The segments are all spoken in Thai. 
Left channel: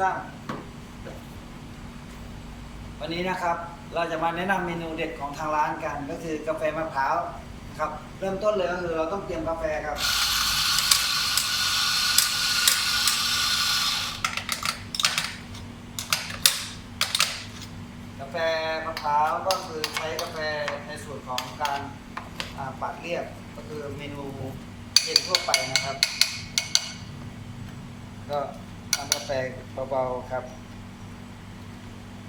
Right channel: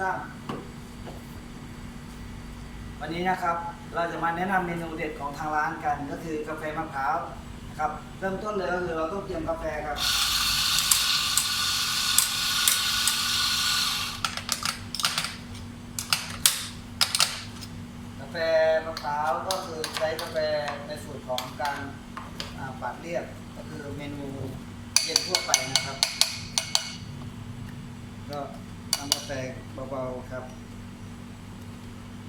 สามวันนี้นะครับเราจะมาแนะนำเมนูเด็ดของทางร้านกัน ก็คือกาแฟมะพร้าวนะครับ เริ่มต้นเลยก็คือเราต้องเตรียมกาแฟครับ กาแฟมะพร้าวก็คือใช้กาแฟในส่วนของการปาดเรียบก็คือเมนูเย็นทั่วไปนะครับ ก็น้ำกาแฟ เบาๆครับ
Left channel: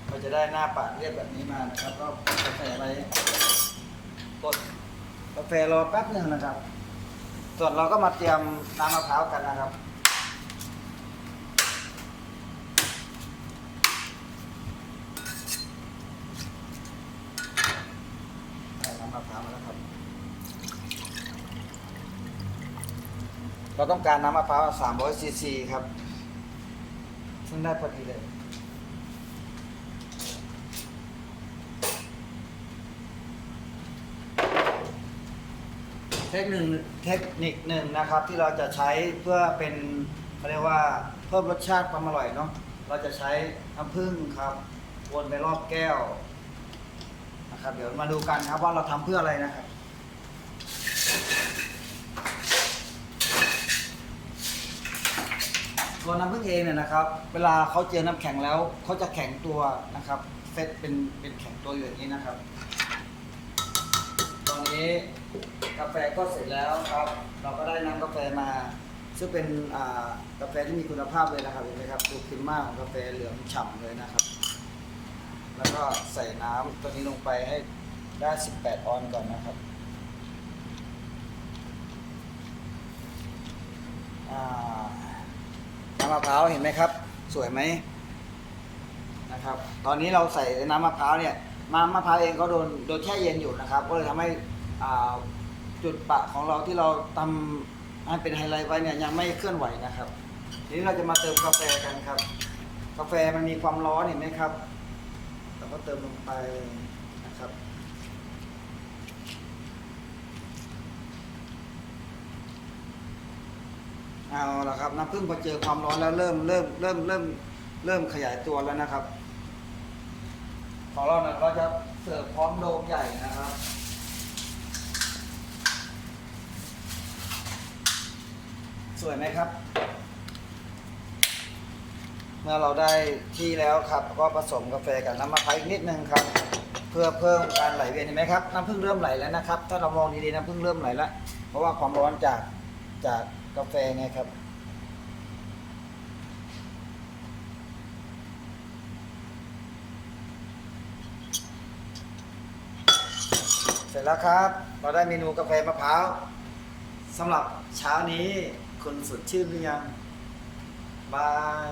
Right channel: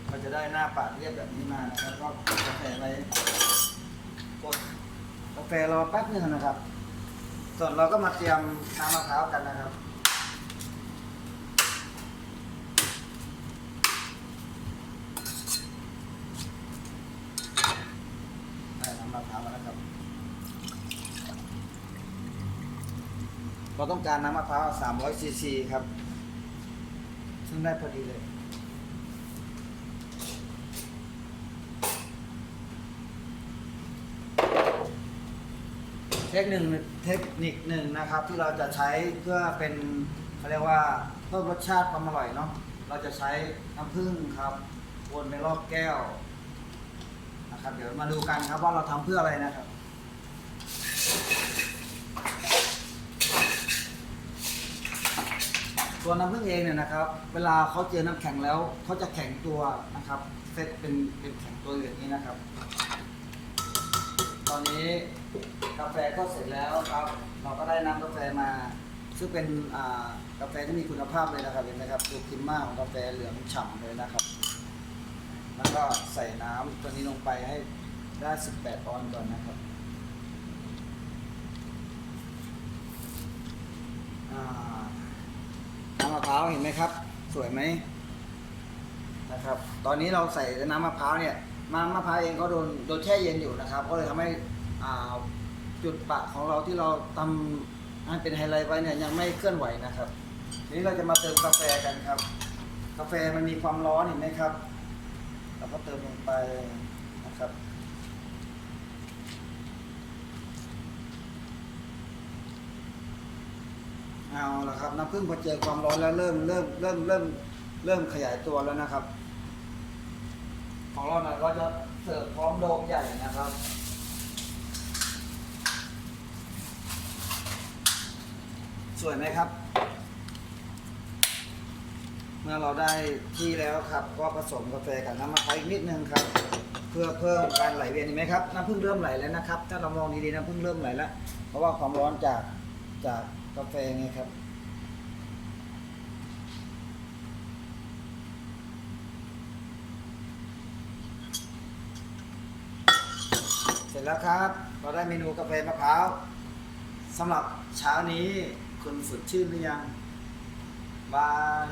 เราจะได้หน้าปาดเรียบแบบนี้มานะครับก็กดกาแฟไปกดกาแฟรอแป๊บหนึ่งนะครับ ส่วนเราก็มาเตรียมน้ำมะพร้าวกันนะครับได้น้ำมะพร้าวมาแล้วครับ เราต้องการน้ำมะพร้าว300ซีซีครับ ซึ่งได้พอดีเลย เทคนิคเทคนิคหนึ่งนะครับ ที่เราจะใช้เพื่อเป็นเขาเรียกว่าเพิ่มรสชาติความอร่อยเนาะเราจะใช้น้ำผึ้งครับวนไปรอบแก้วนะครับ เดี๋ยวมาดูกันครับว่าเราทำเพื่ออะไรนะครับ ตัวน้ำผึ้งเองเนี่ยนะครับ เวลาเขาเจอน้ำแข็งแล้วเขาจะแข็งตัวนะครับ เซตเป็นเป็นแข็งตัวอยู่อย่างนี้นะครับ ตอนนี้กาแฟก็เสร็จแล้วครับ เราก็ได้น้ำกาแฟมา ซึ่งเป็นกาแฟที่มีคุณภาพเลยนะครับเห็นไหมครับดูพิมพ์มาของกาแฟเหลืองฉ่ำเลยนะครับ แล้วก็ใส่น้ำตัวนี้ลงไปให้ได้ 18 ออนซ์ก่อนนะครับอ่า เห็นไหมครับ สวยไหมนะครับ ตอนนี้เราใส่น้ำมะพร้าวเนี่ยมามะพร้าวเองก็โดนโดนแช่เย็นอยู่นะครับ ก็เลยทำให้จุดปะของเราที่เราทำให้เป็นไฮไลท์ไว้เนี่ยยังไม่เคลื่อนไหวนะครับ ทีนี้เราจะมาเติมกาแฟกันครับ กาแฟมันมีความร้อนเห็นไหมครับ เราก็เติมลงไปนะครับ เอาละครับ น้ำผึ้งพอเจอความร้อนแล้วเริ่มเริ่มเริ่มเริ่มเริ่มขยายตัวแล้วนะครับ ของเรานะเราจะเสิร์ฟพร้อมโดมใหญ่นะครับสวยไหมครับ เมื่อเราได้ที่แล้วครับ ก็ผสมกาแฟกับน้ำมะพร้าวอีกนิดนึงครับ เพื่อเพิ่มการไหลเวียนเห็นไหมครับน้ำผึ้งเริ่มไหลแล้วนะครับ ถ้าเรามองดีๆน้ำผึ้งเริ่มไหลแล้วเพราะว่าความร้อนจากจาก กาแฟไงครับเสร็จแล้วครับ เราได้เมนูกาแฟมะพร้าวสำหรับเช้านี้คุณสดชื่นหรือยังบาย